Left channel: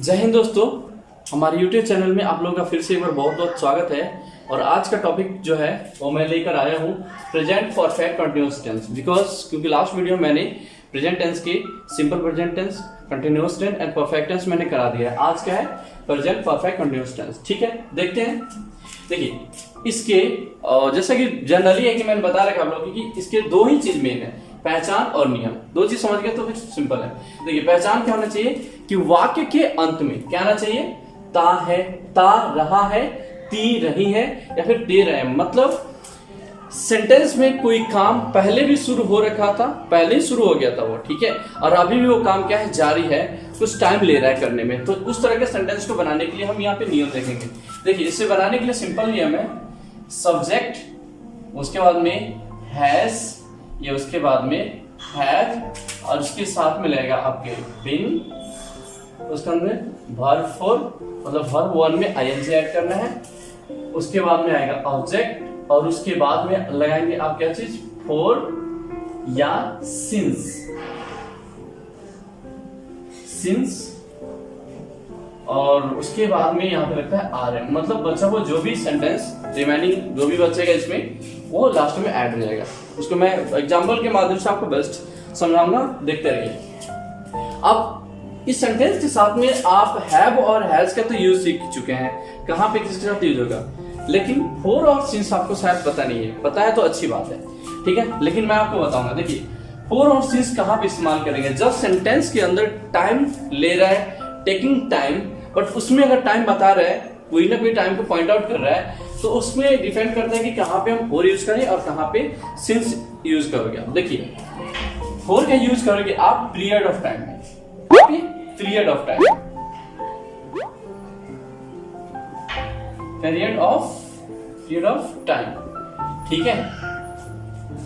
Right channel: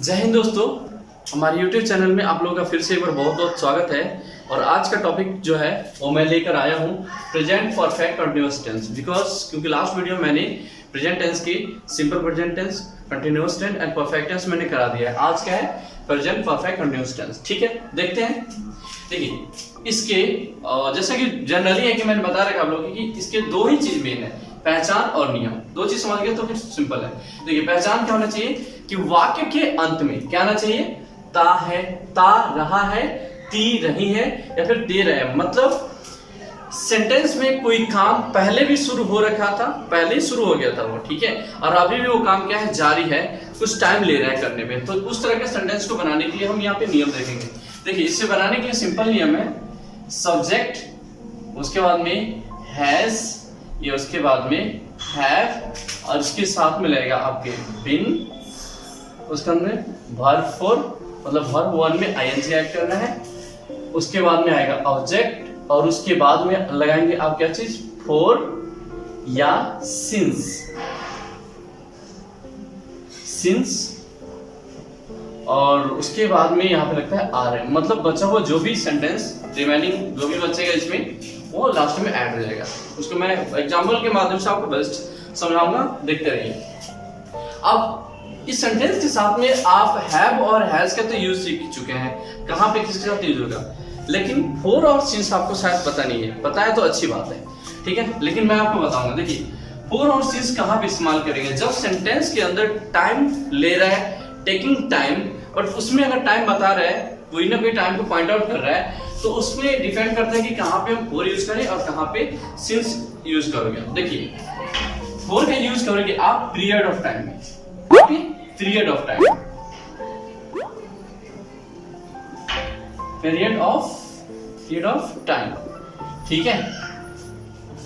जय हिंद दोस्तों, हमारे YouTube चैनल में आप लोगों का फिर से एक बार बहुत बहुत स्वागत है। और आज का टॉपिक जो है वो मैं लेकर आया हूँ प्रेजेंट परफेक्ट कंटिन्यूअस टेंस। क्योंकि लास्ट वीडियो मैंने प्रेजेंट टेंस की simple present tense, continuous tense and perfect tense मैंने करा दिया है। आज क्या है? Present perfect continuous tense. ठीक है, देखते हैं। देखिए, इसके जैसे कि जनरली है कि मैंने बता रखा आप लोगों कि इसके दो ही चीज मेन है, पहचान और नियम। दो चीज समझ गए तो फिर सिंपल है। देखिए, पहचान क्या होना चाहिए कि वाक्य के अंत में क्या आना चाहिए? ता है, ता रहा है, ती रही है या फिर दे रहे हैं। मतलब सेंटेंस में कोई काम पहले भी शुरू हो रखा था, पहले ही शुरू हो गया था वो, ठीक है, और अभी भी वो काम क्या है? जारी है, कुछ टाइम ले रहा है करने में। तो उस तरह के सेंटेंस को बनाने के लिए हम यहाँ पे नियम देखेंगे। देखिए, इसे बनाने के लिए सिंपल नियम है, सब्जेक्ट, उसके बाद में हैज, ये उसके बाद में हैव, और इसके साथ में लगेगा आपके बिन, उसके अंदर वर्ब फोर, मतलब वर्ब वन में आईएनजी ऐड करना है। उसके बाद में आएगा ऑब्जेक्ट, और उसके बाद में लगाएंगे आप क्या चीज? फोर या सिंस। सिंस, और उसके बाद में यहाँ पे लगता है आर एम। मतलब बचा हुआ जो भी सेंटेंस रिमेनिंग जो भी बचेगा इसमें, वो लास्ट में ऐड हो जाएगा। उसको मैं एग्जांपल के माध्यम से आपको बेस्ट समझाऊंगा, देखते रहिए। अब इस सेंटेंस के साथ में आप हैव और हैज का तो यूज सीख चुके हैं, कहाँ पे किसके साथ यूज होगा, लेकिन फोर और सिंस आपको शायद पता नहीं है। पता है तो अच्छी बात है, ठीक है, लेकिन मैं आपको बताऊंगा। देखिए, फोर और सिंस कहाँ पे इस्तेमाल करेंगे? जब सेंटेंस के अंदर टाइम ले रहा है, टेकिंग टाइम, बट उसमें अगर टाइम बता रहा है, कोई ना कोई टाइम को पॉइंट आउट कर रहा है, तो उसमें डिपेंड करता है कि कहाँ पे हम फोर यूज करें और कहाँ पे सिंस यूज करोगे। देखिए, फोर का यूज करोगे आप पीरियड ऑफ टाइम में, period of time, period of time, ठीक है।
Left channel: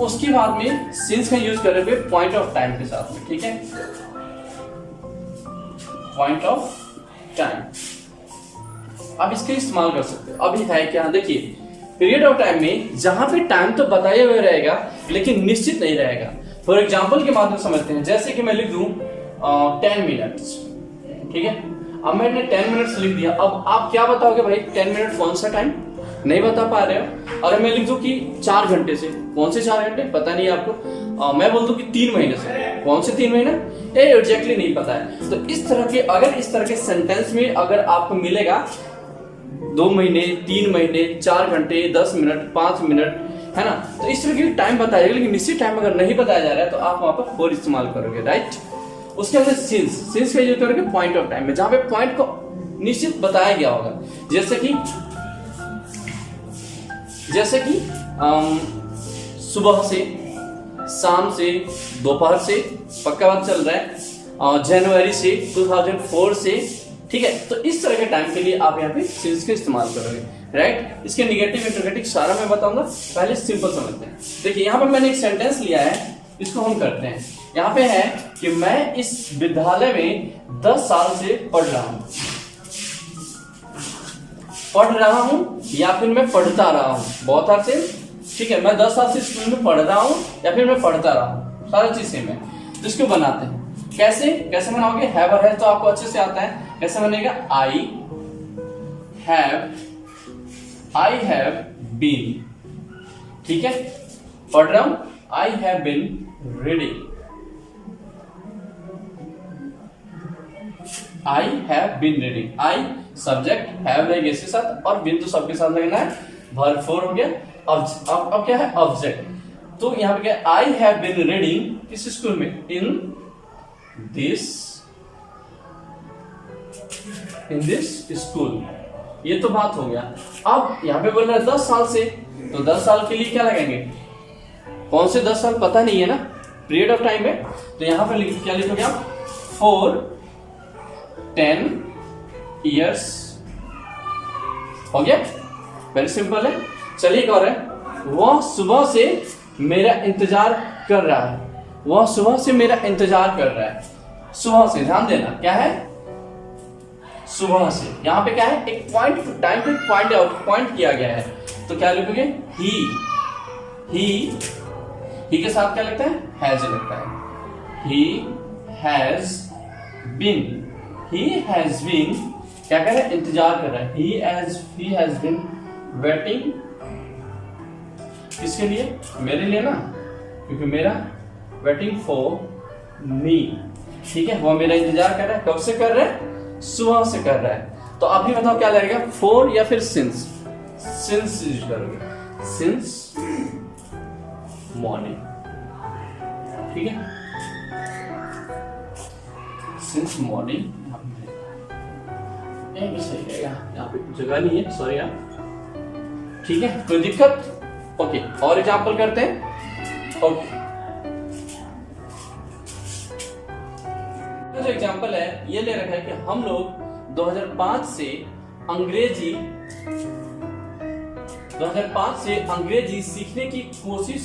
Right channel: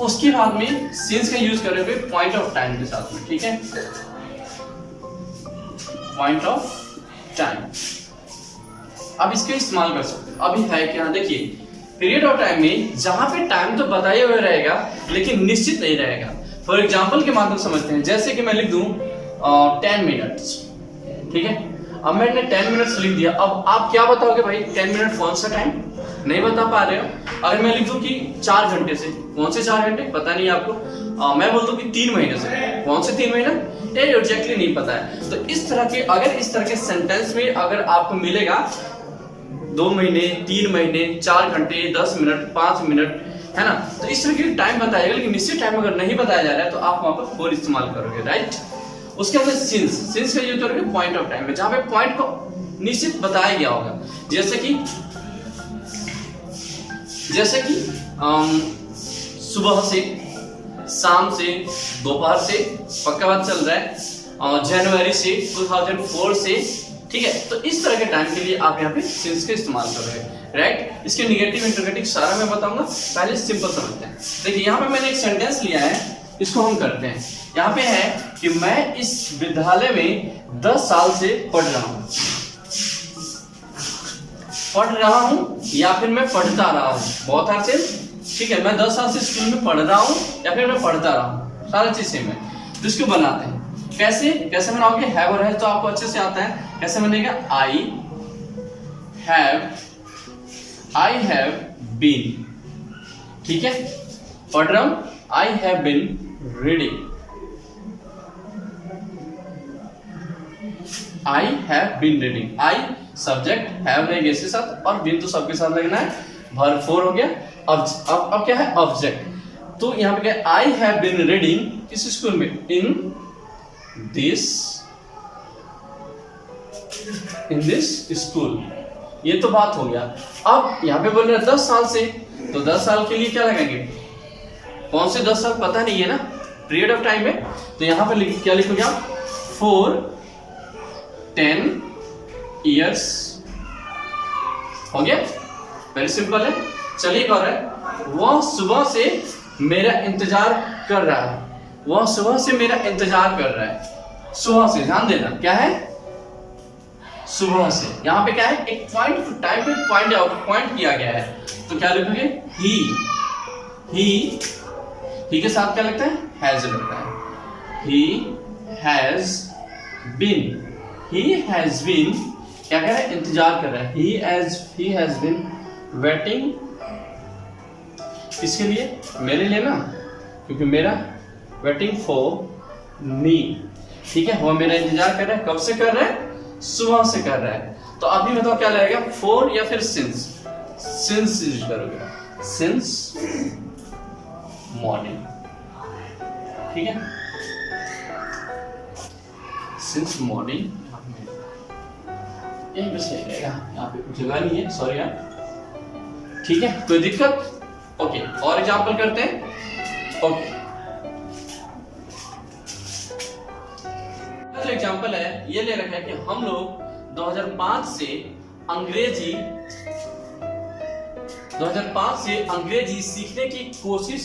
उसके बाद में सिंस का यूज करोगे पॉइंट ऑफ टाइम के साथ में, ठीक है, पॉइंट ऑफ टाइम। अब इसका इस्तेमाल कर सकते हो। अभी है क्या? देखिए, पीरियड ऑफ टाइम में जहां पे टाइम तो बताए हुए रहेगा लेकिन निश्चित नहीं रहेगा। फॉर एग्जाम्पल के माध्यम समझते हैं। जैसे कि मैं लिख दूं 10 मिनट्स, ठीक है। अब मैंने 10 मिनट्स लिख दिया। अब आप क्या बताओगे भाई? 10 मिनट कौन सा टाइम? नहीं बता पा रहे हो। अगर मैं लिख दूं कि 4 घंटे से, कौन से 4 घंटे? पता नहीं आपको। मैं बोल दूं कि 3 महीने से, कौन से 3 महीने? ये एग्जैक्टली नहीं पता है। तो इस तरह के, अगर इस तरह के सेंटेंस में अगर आपको मिलेगा 2 महीने, 3 महीने, 4 घंटे, 10 मिनट, 5 मिनट, है ना, तो इस तरह की टाइम बताएगा, लेकिन निश्चित टाइम अगर नहीं बताया जा रहा है तो आप वहां पर फोर इस्तेमाल करोगे, राइट। उसके बाद सिंस का यूज करोगे पॉइंट ऑफ टाइम में, जहां पे पॉइंट को निश्चित बताया गया होगा। जैसे कि सुबह से, शाम से, दोपहर से, पक्का बात चल रहा है, जनवरी से, 2004 से, ठीक है। तो इस तरह के टाइम के लिए आप यहाँ पे सिंस का इस्तेमाल करोगे, राइट। इसके निगेटिव इंटरगेटिव सारा मैं बताऊंगा, पहले सिंपल समझते हैं। देखिए, यहाँ पे मैंने एक सेंटेंस लिया है, इसको हम करते हैं। यहाँ पे है कि मैं इस विद्यालय में 10 साल से पढ़ रहा हूं, या फिर मैं पढ़ता रहा हूं, बहुत अच्छे, ठीक है। मैं 10 साल से स्कूल में पढ़ रहा हूं या फिर मैं पढ़ता रहा हूं, सारी चीज सेम है। तो इसको बनाते हैं कैसे बनाओगे? हैव और हैज तो आपको अच्छे से आता है। कैसे बनेगा? आई हैव बीन, ठीक है, पढ़ रहा हूं, I have been reading, I have been reading. I subject, have लगेगा इसके साथ, और बीन तो सबके साथ लगना है, वर्ब फोर हो गया। अब क्या है? ऑब्जेक्ट। तो यहां पे क्या है? आई हैव बीन रीडिंग किस स्कूल में? In this school. ये तो बात हो गया। अब यहां पे बोल रहे हैं 10 साल से, तो 10 साल के लिए क्या लगाएंगे? कौन से 10 साल पता नहीं है ना, पीरियड ऑफ टाइम है। तो यहां पे क्या लिखोगे आप? 4 10 years, हो गया। वेरी सिंपल है। चलिए कर रहे हैं, वह सुबह से मेरा इंतजार कर रहा है, वह सुबह से मेरा इंतजार कर रहा है। सुबह से, ध्यान देना, क्या है? सुबह से। यहां पे क्या है? एक पॉइंट, टाइम पे पॉइंट किया गया है, तो क्या लिखोगे? ही के साथ क्या लगता है? हैज लगता है। He has been, he has been क्या कर रहा है, इंतजार कर रहा है। ही हैज बीन वेटिंग, किसके लिए, मेरे लिए ना, क्योंकि मेरा वेटिंग फॉर मी, ठीक है, वो मेरा इंतजार कर रहा है। कब से कर रहा है, सुबह से कर रहा है। तो अभी बताओ क्या लगेगा, फॉर या फिर सिंस यूज करोगे, सिंस मॉर्निंग, ठीक है, सिंस मॉर्निंग यहीं पे सही रहेगा, यहाँ पे जगह नहीं है, सॉरी यार, ठीक है, कोई दिक्कत, ओके। और एग्जाम्पल करते हैं, ओके। जो एग्जाम्पल है ये ले रखा है कि हम लोग 2005 से अंग्रेजी सीखने की कोशिश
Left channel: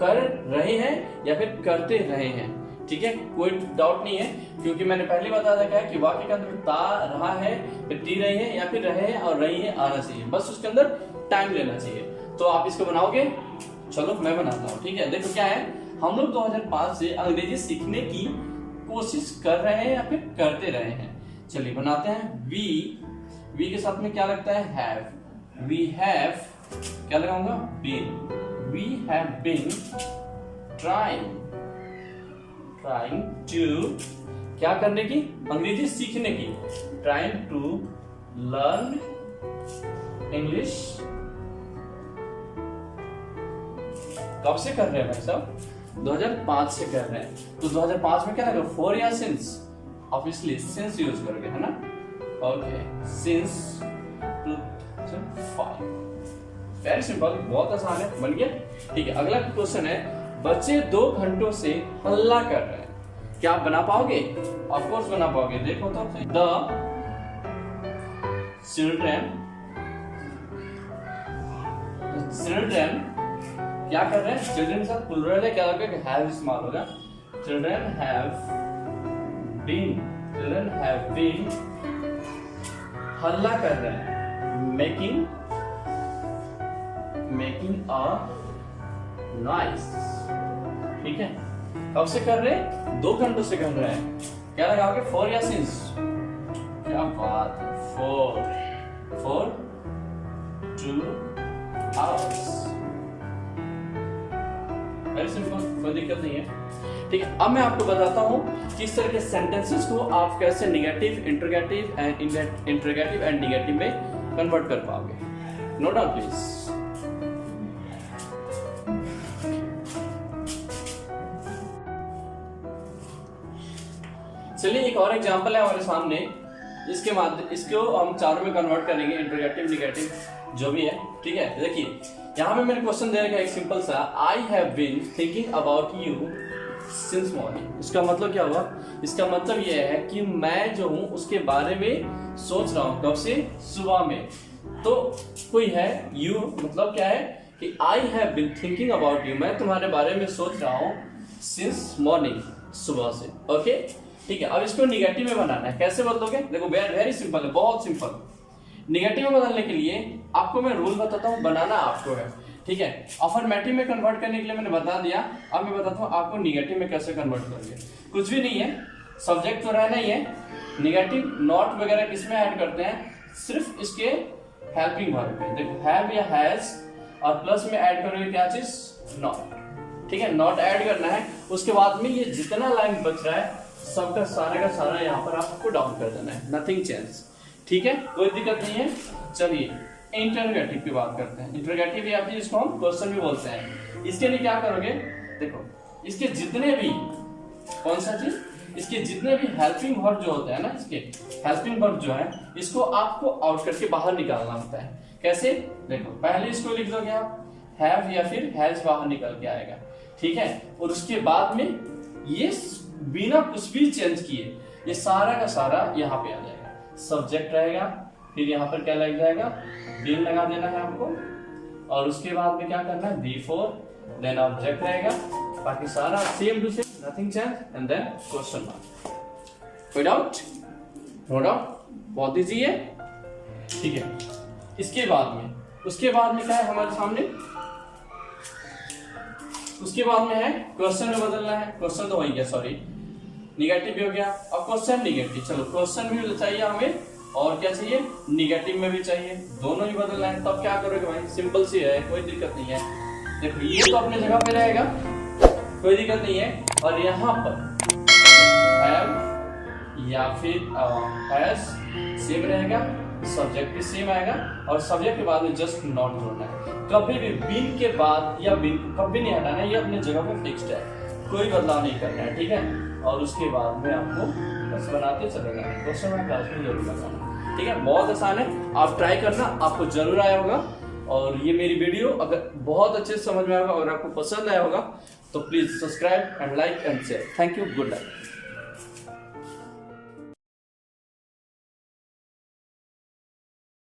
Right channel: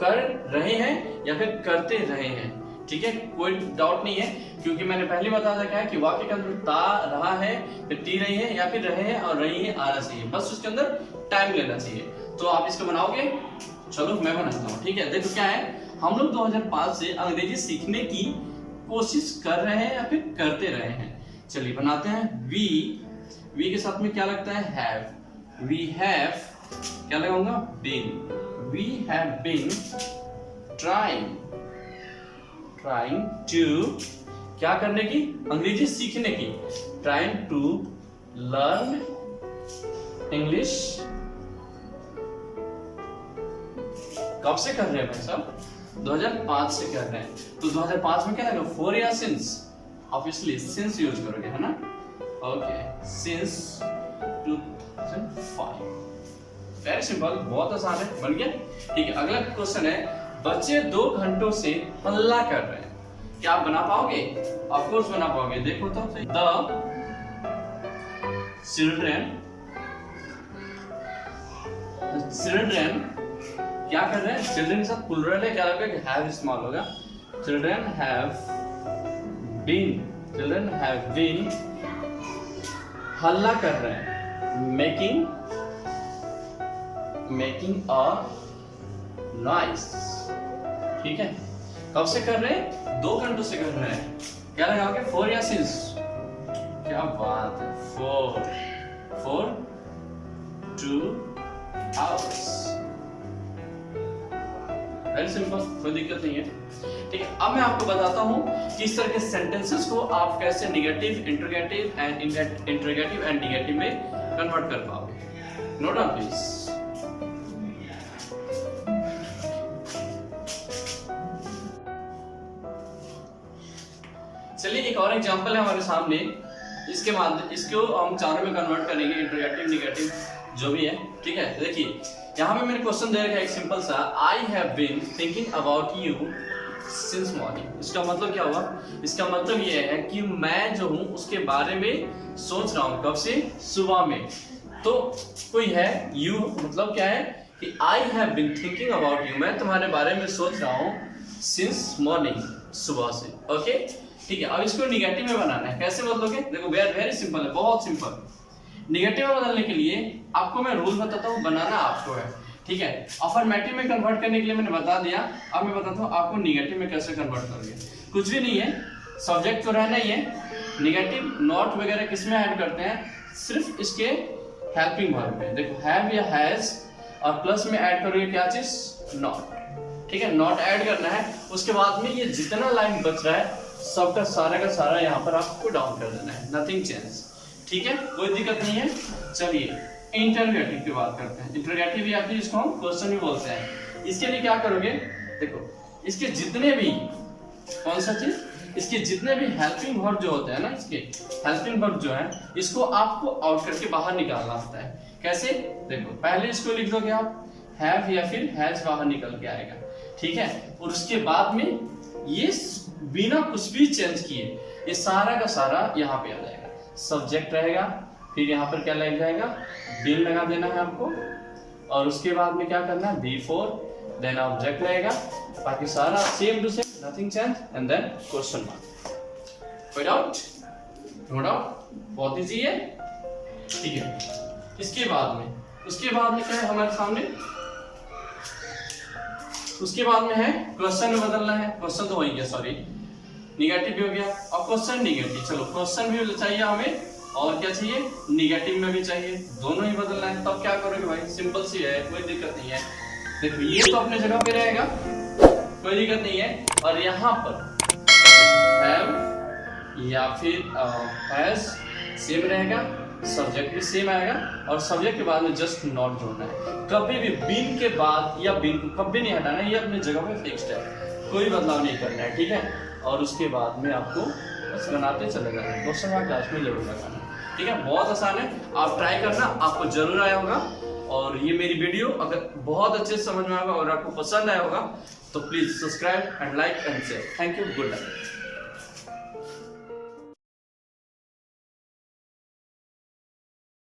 कर रहे हैं या फिर करते रहे हैं, ठीक है, कोई डाउट नहीं है, क्योंकि मैंने पहले बता रखा है कि वाक्य के अंदर ता रहा है, फिर टी रही है या फिर रहे हैं और रही है आना चाहिए, बस उसके अंदर टाइम लेना चाहिए। तो आप इसको बनाओगे, चलो मैं बनाता हूँ, ठीक है। देखो क्या है, हम लोग 2005 से अंग्रेजी सीखने की कोशिश कर रहे हैं या फिर करते रहे हैं। चलिए बनाते हैं। वी के साथ में क्या लगता है, हैव। वी हैव क्या लगाऊंगा, been. We have been trying to क्या करने की, अंग्रेजी सीखने की, ट्राइंग टू लर्न इंग्लिश। कब से कर रहे हैं भाई साहब, 2005 से कर रहे हैं। तो 2005 में क्या है, फॉर या सिंस, ऑब्वियसली सिंस यूज करोगे, है ना, ओके, सिंस 2005। वेरी सिंपल, बहुत आसान है, बन गया, ठीक है। अगला क्वेश्चन है, बच्चे 2 घंटों से हल्ला कर रहे हैं, क्या आप बना पाओगे, ऑफ कोर्स बना पाओगे। देखो तो द चिल्ड्रन क्या कर रहे हैं, चिल्ड्रन के साथ प्लूरल है, क्या लगेगा कि हैव स्मॉल होगा, चिल्ड्रन हैव बीन हल्ला कर रहे हैं, मेकिंग अ नॉइस, ठीक है। कब से कर रहे हैं, 2 घंटों से कर रहे हैं, क्या लगाओगे, फॉर या सिंस, क्या बात है, फॉर 2 hours, वेरी सिंपल, कोई दिक्कत नहीं है, ठीक है। अब मैं आपको बताता हूं कि इस तरह के सेंटेंसेस को आप कैसे नेगेटिव, इंटरोगेटिव एंड निगेटिव में कन्वर्ट कर पाओगे। Note down please. चलिए एक और एग्जांपल है हमारे सामने, इसको हम चारों में कन्वर्ट करेंगे, इंटरोगेटिव, निगेटिव, जो भी है, ठीक है। देखिए यहाँ पे मैंने क्वेश्चन दे रखा है एक सिंपल सा, I have been thinking about you since morning. इसका मतलब क्या हुआ, इसका मतलब ये है कि मैं जो हूँ उसके बारे में सोच रहा हूँ, कब से, सुबह में। तो कोई है, यू मतलब क्या है कि I have been thinking about you, मैं तुम्हारे बारे में सोच रहा हूँ सिंस मॉर्निंग, सुबह से, ओके, ठीक है। अब इसको निगेटिव में बनाना है, कैसे बदलोगे, देखो वेरी सिंपल है, बहुत सिंपल। निगेटिव में बदलने के लिए आपको मैं रूल बताता हूँ, बनाना आपको है, ठीक है। अफर्मेटिव में कन्वर्ट करने के लिए मैंने बता दिया, अब मैं बताता हूँ आपको निगेटिव में कैसे कन्वर्ट करोगे। कुछ भी नहीं है, सब्जेक्ट तो रहना ही है, निगेटिव नॉट वगैरह किसमें ऐड करते हैं, सिर्फ इसके हेल्पिंग वर्ब में। देखो हैव या हैज और प्लस में ऐड करोगे क्या चीज, नॉट, ठीक है, नॉट ऐड करना है। उसके बाद में ये जितना लाइन बच रहा है सबका सारा का सारा यहाँ पर आपको डाउन कर देना है, नथिंग चेंज, ठीक है, कोई दिक्कत नहीं है। चलिए इंटरोगेटिव की बात करते हैं। इंटरोगेटिव या फिर इसको हम क्वेश्चन भी बोलते हैं। इसके लिए क्या करोगे, देखो इसके जितने भी, कौन सा चीज, इसके जितने भी हेल्पिंग वर्ब जो होते हैं ना, इसके हेल्पिंग वर्ब जो है, इसको आपको आउट करके बाहर निकालना होता है। कैसे, देखो पहले इसको लिख दोगे आप, हैव या फिर हैज बाहर निकल के आएगा, ठीक है, और उसके बाद में ये बिना कुछ भी चेंज किए ये सारा का सारा यहाँ पे आ जाएगा, सब्जेक्ट रहेगा, फिर यहाँ पर क्या लग जाएगा, बीन लगा देना है आपको, और उसके बाद में क्या करना है, बिफोर, देन ऑब्जेक्ट रहेगा, बाकी सारा same to same, nothing change, and then question mark. कोई डाउट, नो डाउट, बहुत इजी है, ठीक है। इसके बाद में, उसके बाद में क्या है हमारे सामने, उसके बाद में है क्वेश्चन में बदलना है, क्वेश्चन तो वही गया, सॉरी, निगेटिव भी हो गया, और क्वेश्चन निगेटिव। चलो क्वेश्चन भी चाहिए हमें, और क्या चाहिए, निगेटिव में भी चाहिए, दोनों ही बदलना है। तब क्या करोगे भाई, सिंपल सी है, कोई दिक्कत नहीं है। देखो ये तो अपने जगह पे रहेगा, कोई दिक्कत नहीं है। और यहाँ पर हैव या फिर हैज सेम रहेगा, सब्जेक्ट भी सेम आएगा, और सब्जेक्ट के बाद में जस्ट नॉट जोड़ना है। कभी भी बीन के बाद या बीन को कभी नहीं हटाना है, ये अपने जगह पे फिक्स्ड है, कोई बदलाव नहीं करना है, ठीक है। और उसके बाद में आपको बस बनाते चले जाना है, क्वेश्चन मार्क क्लास में जरूर लगाना, ठीक है। बहुत आसान है, आप ट्राई करना, आपको जरूर आया होगा। और ये मेरी वीडियो अगर बहुत अच्छे से समझ में आएगा और आपको पसंद आया होगा तो please subscribe and like and share. Thank you, good luck.